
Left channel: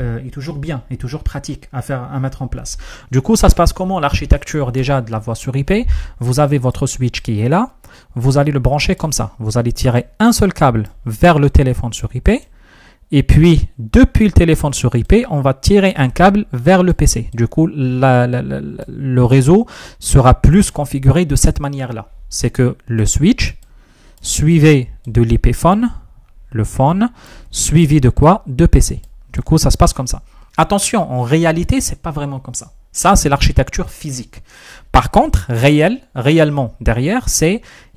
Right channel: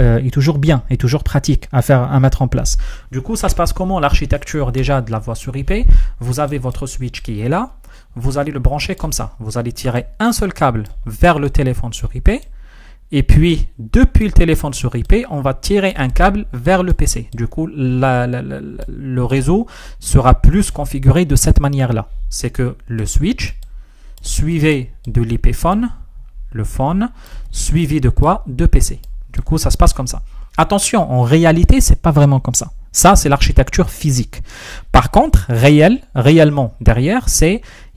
bien, est toujours pratique à mettre en place. Du coup, ça se passe comment l'architecture déjà de la voix sur IP? Vous avez votre switch qui est là, vous allez le brancher comme ça. Vous allez tirer un seul câble vers le téléphone sur IP et puis depuis le téléphone sur IP, on va tirer un câble vers le PC. Du coup, le réseau sera plus configuré de cette manière-là. C'est que le switch suivi de l'IP phone, le phone, suivi de quoi? De PC. Du coup, ça se passe comme ça. Attention, en réalité, c'est pas vraiment comme ça. Ça, c'est l'architecture physique. Par contre, réellement, derrière,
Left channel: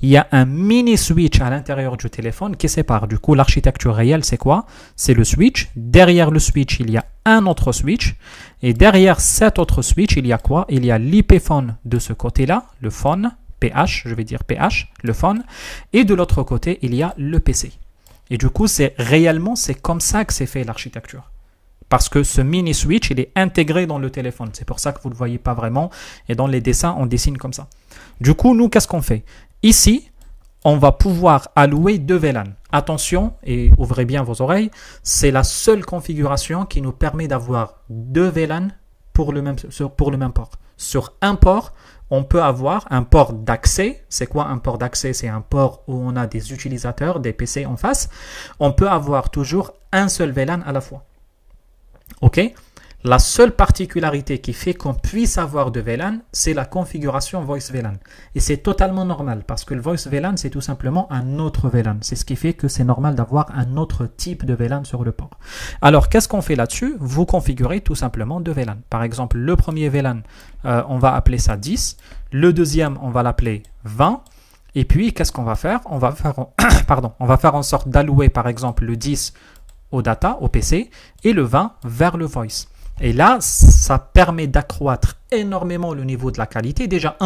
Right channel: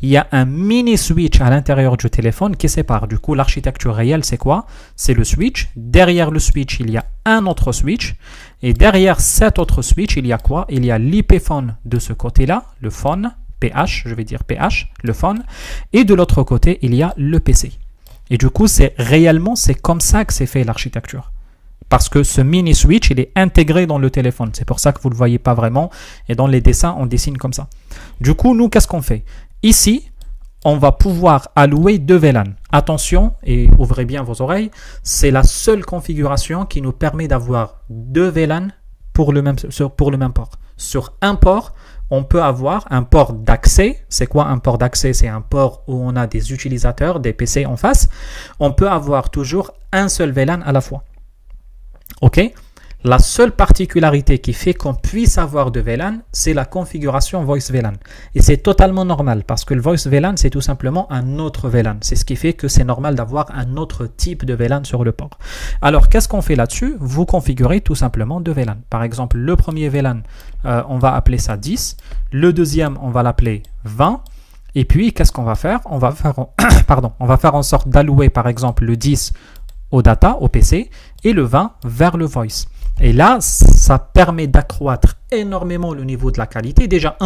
il y a un mini switch à l'intérieur du téléphone qui sépare. Du coup, l'architecture réelle, c'est quoi? C'est le switch. Derrière le switch, il y a un autre switch. Et derrière cet autre switch, il y a quoi? Il y a l'IP phone de ce côté-là, le phone, PH, je vais dire PH, le phone. Et de l'autre côté, il y a le PC. Et du coup, c'est comme ça que c'est fait l'architecture. Parce que ce mini switch, il est intégré dans le téléphone. C'est pour ça que vous ne le voyez pas vraiment. Et dans les dessins, on dessine comme ça. Du coup, nous, qu'est-ce qu'on fait? Ici, on va pouvoir allouer 2 VLAN. Attention, et ouvrez bien vos oreilles, c'est la seule configuration qui nous permet d'avoir 2 VLAN pour le même port. Sur un port, on peut avoir un port d'accès. C'est quoi un port d'accès? C'est un port où on a des utilisateurs, des PC en face. On peut avoir toujours un seul VLAN à la fois. Ok? La seule particularité qui fait qu'on puisse avoir de VLAN, c'est la configuration Voice VLAN. Et c'est totalement normal parce que le Voice VLAN, c'est tout simplement un autre VLAN. C'est ce qui fait que c'est normal d'avoir un autre type de VLAN sur le port. Alors, qu'est-ce qu'on fait là-dessus? Vous configurez tout simplement 2 VLAN. Par exemple, le premier VLAN, on va appeler ça 10. Le deuxième, on va l'appeler 20. Et puis, qu'est-ce qu'on va faire? On va faire en sorte d'allouer, par exemple, le 10 au data, au PC, et le 20 vers le voice. Et là, ça permet d'accroître énormément le niveau de la qualité. Déjà,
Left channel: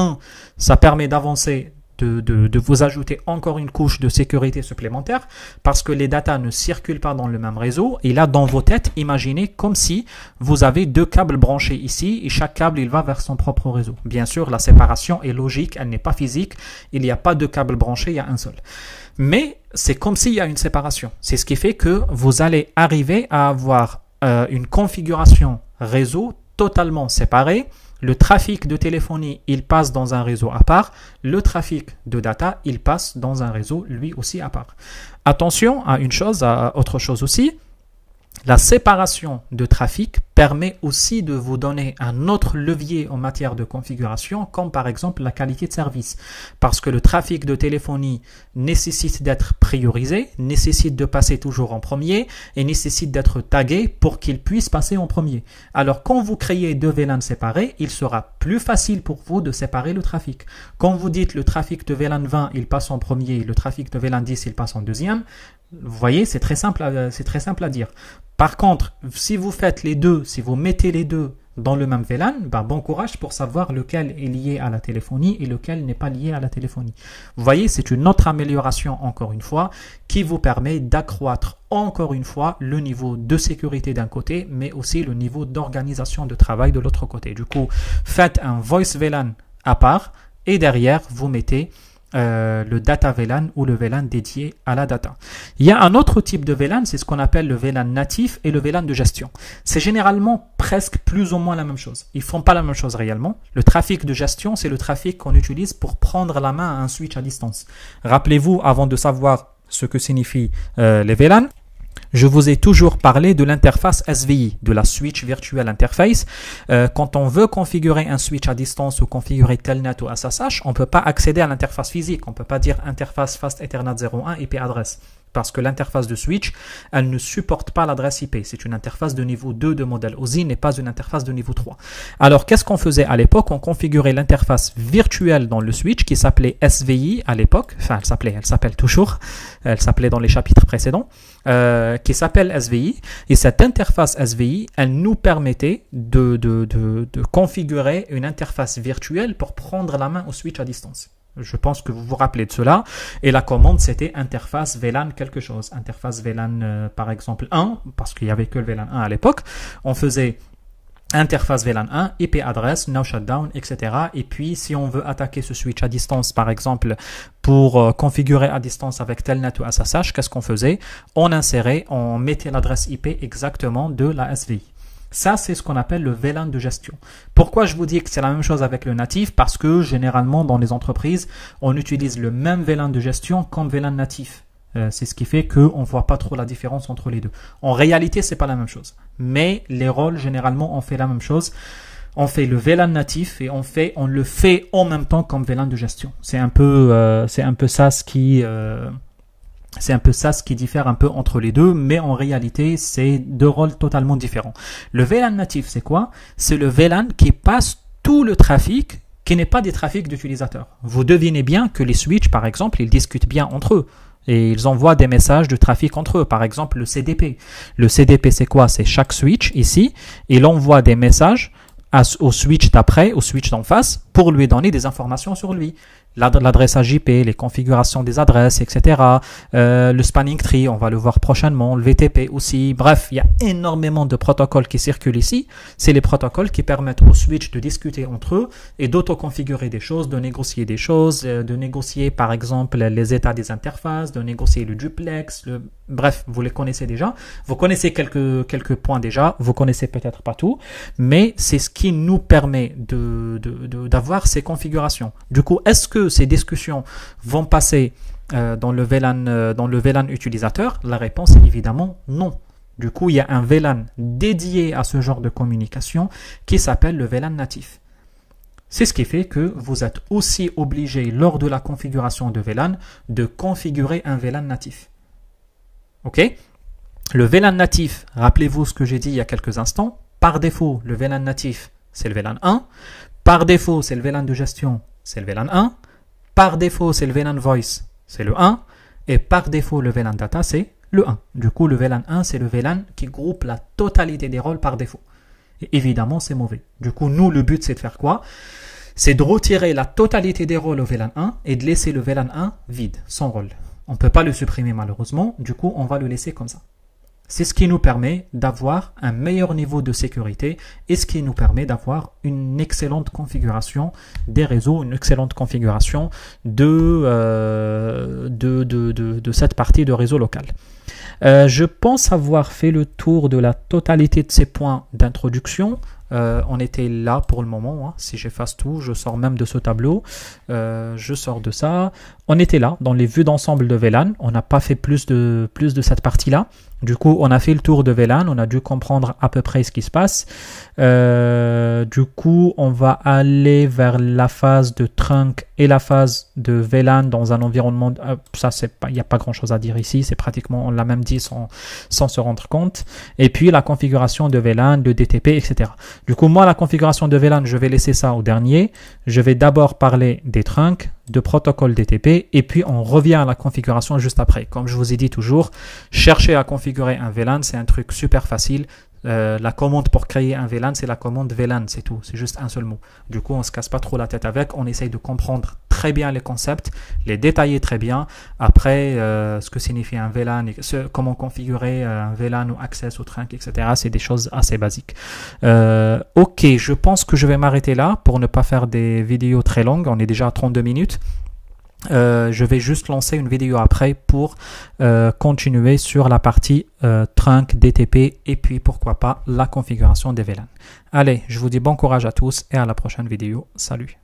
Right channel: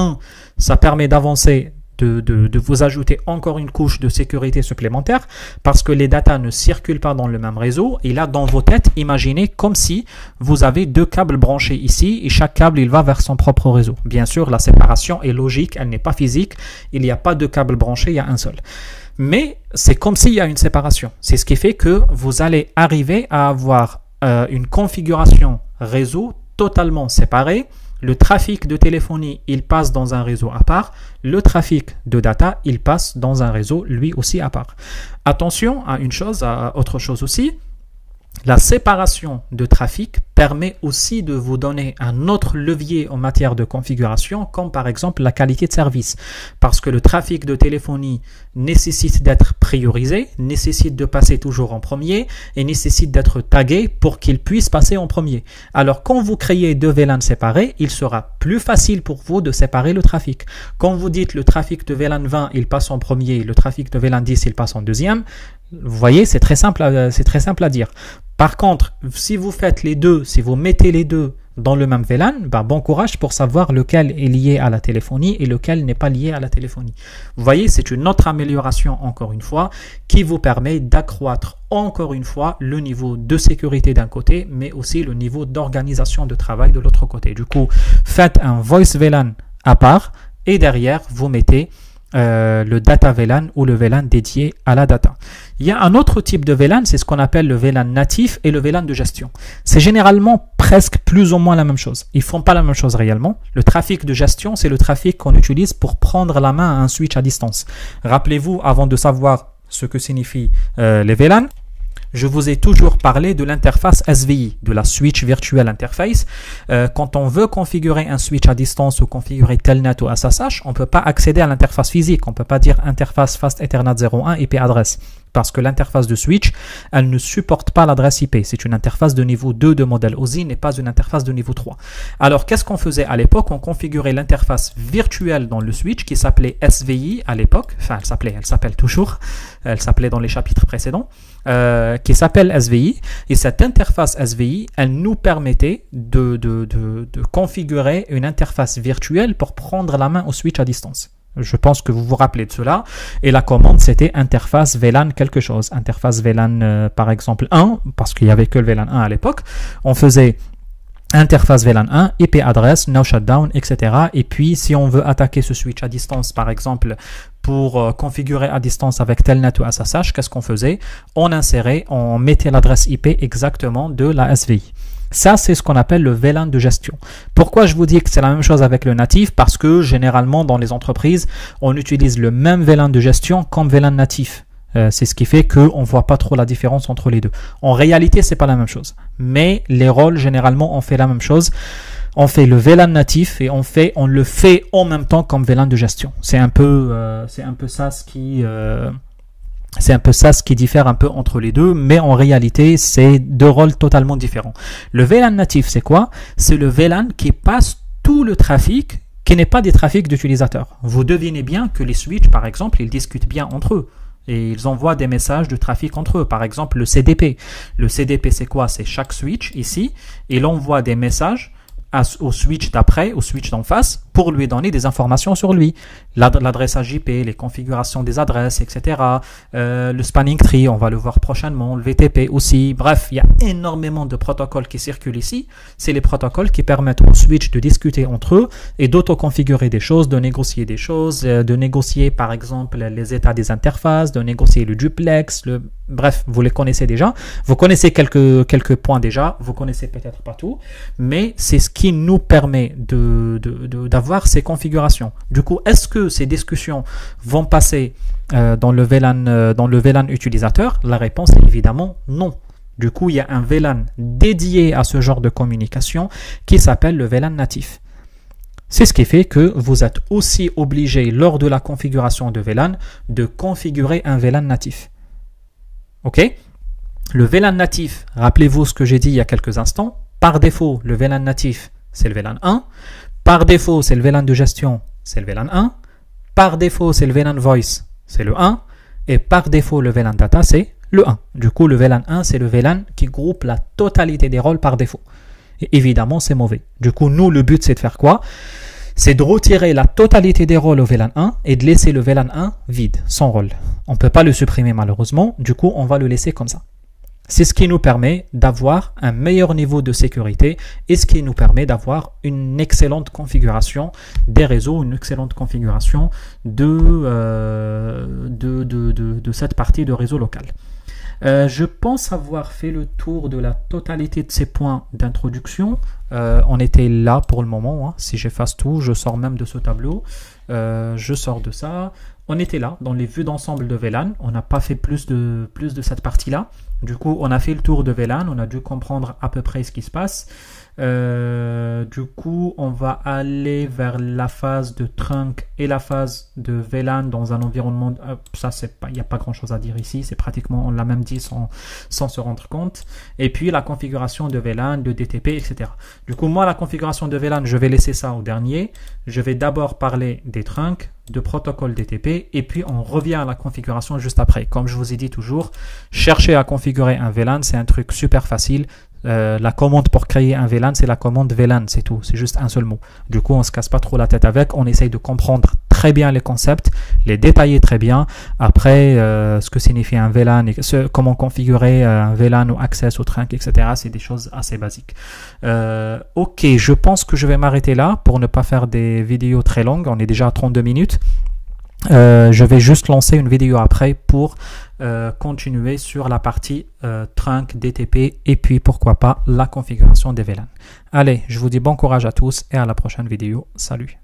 ça permet d'avancer, de vous ajouter encore une couche de sécurité supplémentaire parce que les datas ne circulent pas dans le même réseau. Et là, dans vos têtes, imaginez comme si vous avez 2 câbles branchés ici et chaque câble, il va vers son propre réseau. Bien sûr, la séparation est logique, elle n'est pas physique. Il n'y a pas de câble branché, il y a un seul. Mais c'est comme s'il y a une séparation. C'est ce qui fait que vous allez arriver à avoir une configuration réseau totalement séparée. Le trafic de téléphonie, il passe dans un réseau à part. Le trafic de data, il passe dans un réseau lui aussi à part. Attention à une chose, à autre chose aussi. La séparation de trafic permet aussi de vous donner un autre levier en matière de configuration, comme par exemple la qualité de service. Parce que le trafic de téléphonie nécessite d'être priorisé, nécessite de passer toujours en premier et nécessite d'être tagué pour qu'il puisse passer en premier. Alors quand vous créez 2 VLAN séparés, il sera plus facile pour vous de séparer le trafic. Quand vous dites le trafic de VLAN 20, il passe en premier, le trafic de VLAN 10, il passe en deuxième, vous voyez, c'est très simple à dire. Par contre, si vous faites les deux, si vous mettez les deux dans le même VLAN, bon courage pour savoir lequel est lié à la téléphonie et lequel n'est pas lié à la téléphonie. Vous voyez, c'est une autre amélioration, encore une fois, qui vous permet d'accroître encore une fois le niveau de sécurité d'un côté, mais aussi le niveau d'organisation de travail de l'autre côté. Du coup, faites un Voice VLAN à part et derrière, vous mettez le data VLAN ou le VLAN dédié à la data. Il y a un autre type de VLAN, c'est ce qu'on appelle le VLAN natif et le VLAN de gestion. C'est généralement presque plus ou moins la même chose. Ils ne font pas la même chose réellement. Le trafic de gestion, c'est le trafic qu'on utilise pour prendre la main à un switch à distance. Rappelez-vous, avant de savoir ce que signifient les VLAN, je vous ai toujours parlé de l'interface SVI, de la Switch Virtual Interface. Quand on veut configurer un switch à distance ou configurer Telnet ou SSH, on ne peut pas accéder à l'interface physique. On ne peut pas dire interface Fast Ethernet 01 IP adresse. Parce que l'interface de switch, elle ne supporte pas l'adresse IP. C'est une interface de niveau 2 de modèle OSI, n'est pas une interface de niveau 3. Alors, qu'est-ce qu'on faisait à l'époque? On configurait l'interface virtuelle dans le switch qui s'appelait SVI à l'époque. Enfin, elle s'appelle toujours. Elle s'appelait dans les chapitres précédents. Qui s'appelle SVI. Et cette interface SVI, elle nous permettait de configurer une interface virtuelle pour prendre la main au switch à distance. Je pense que vous vous rappelez de cela. Et la commande, c'était interface VLAN quelque chose. Interface VLAN, par exemple, 1, parce qu'il n'y avait que le VLAN 1 à l'époque. On faisait interface VLAN 1, IP adresse, no shutdown, etc. Et puis, si on veut attaquer ce switch à distance, par exemple, pour configurer à distance avec Telnet ou SSH, qu'est-ce qu'on faisait? On mettait l'adresse IP exactement de la SVI. Ça, c'est ce qu'on appelle le VLAN de gestion. Pourquoi je vous dis que c'est la même chose avec le natif? Parce que généralement, dans les entreprises, on utilise le même VLAN de gestion comme VLAN natif. C'est ce qui fait qu'on ne voit pas trop la différence entre les deux. En réalité, c'est pas la même chose. Mais les rôles, généralement, on fait la même chose. On fait le VLAN natif et on le fait en même temps comme VLAN de gestion. C'est un peu ça ce qui C'est un peu ça ce qui diffère un peu entre les deux, mais en réalité, c'est deux rôles totalement différents. Le VLAN natif, c'est quoi? C'est le VLAN qui passe tout le trafic qui n'est pas des trafics d'utilisateurs. Vous devinez bien que les switches, par exemple, ils discutent bien entre eux. Et ils envoient des messages de trafic entre eux. Par exemple, le CDP. Le CDP, c'est quoi? C'est chaque switch ici. Il envoie des messages au switch d'après, au switch d'en face, pour lui donner des informations sur lui. L'adressage IP, les configurations des adresses, etc. Le spanning tree, on va le voir prochainement. Le VTP aussi. Bref, il y a énormément de protocoles qui circulent ici. C'est les protocoles qui permettent aux switch de discuter entre eux et d'auto-configurer des choses, de négocier des choses, de négocier par exemple les états des interfaces, de négocier le duplex, bref, vous les connaissez déjà. Vous connaissez quelques points déjà. Vous connaissez peut-être pas tout, mais c'est ce qui nous permet d'avoir ces configurations. Du coup, est-ce que ces discussions vont passer dans le VLAN utilisateur? La réponse est évidemment non. Du coup, il y a un VLAN dédié à ce genre de communication qui s'appelle le VLAN natif. C'est ce qui fait que vous êtes aussi obligé, lors de la configuration de VLAN, de configurer un VLAN natif. OK? Le VLAN natif, rappelez-vous ce que j'ai dit il y a quelques instants. Par défaut, le VLAN natif, c'est le VLAN 1. Par défaut, c'est le VLAN de gestion, c'est le VLAN 1. Par défaut, c'est le VLAN voice, c'est le 1. Et par défaut, le VLAN data, c'est le 1. Du coup, le VLAN 1, c'est le VLAN qui groupe la totalité des rôles par défaut. Et évidemment, c'est mauvais. Du coup, nous, le but, c'est de faire quoi? C'est de retirer la totalité des rôles au VLAN 1 et de laisser le VLAN 1 vide, sans rôle. On ne peut pas le supprimer malheureusement, du coup, on va le laisser comme ça. C'est ce qui nous permet d'avoir un meilleur niveau de sécurité et ce qui nous permet d'avoir une excellente configuration des réseaux, une excellente configuration de cette partie de réseau local. Je pense avoir fait le tour de la totalité de ces points d'introduction. On était là pour le moment. Hein. Si j'efface tout, je sors même de ce tableau. Je sors de ça. On était là dans les vues d'ensemble de VLAN. On n'a pas fait plus de cette partie-là. Du coup, on a fait le tour de VLAN. On a dû comprendre à peu près ce qui se passe. Du coup, on va aller vers la phase de trunk et la phase de VLAN dans un environnement. Ça, il n'y a pas grand-chose à dire ici. C'est pratiquement, on l'a même dit sans se rendre compte. Et puis, la configuration de VLAN, de DTP, etc. Du coup, moi, la configuration de VLAN, je vais laisser ça au dernier. Je vais d'abord parler des trunks, de protocole DTP, et puis on revient à la configuration juste après. Comme je vous ai dit toujours, chercher à configurer un VLAN, c'est un truc super facile. La commande pour créer un VLAN, c'est la commande VLAN, c'est tout. C'est juste un seul mot. Du coup, on ne se casse pas trop la tête avec. On essaye de comprendre très bien les concepts, les détailler très bien. Après, ce que signifie un VLAN, et comment configurer un VLAN ou access au trunk, etc. C'est des choses assez basiques. Ok, je pense que je vais m'arrêter là pour ne pas faire des vidéos très longues. On est déjà à 32 minutes. Je vais juste lancer une vidéo après pour continuer sur la partie trunk, DTP et puis pourquoi pas la configuration des VLAN. Allez, je vous dis bon courage à tous et à la prochaine vidéo. Salut!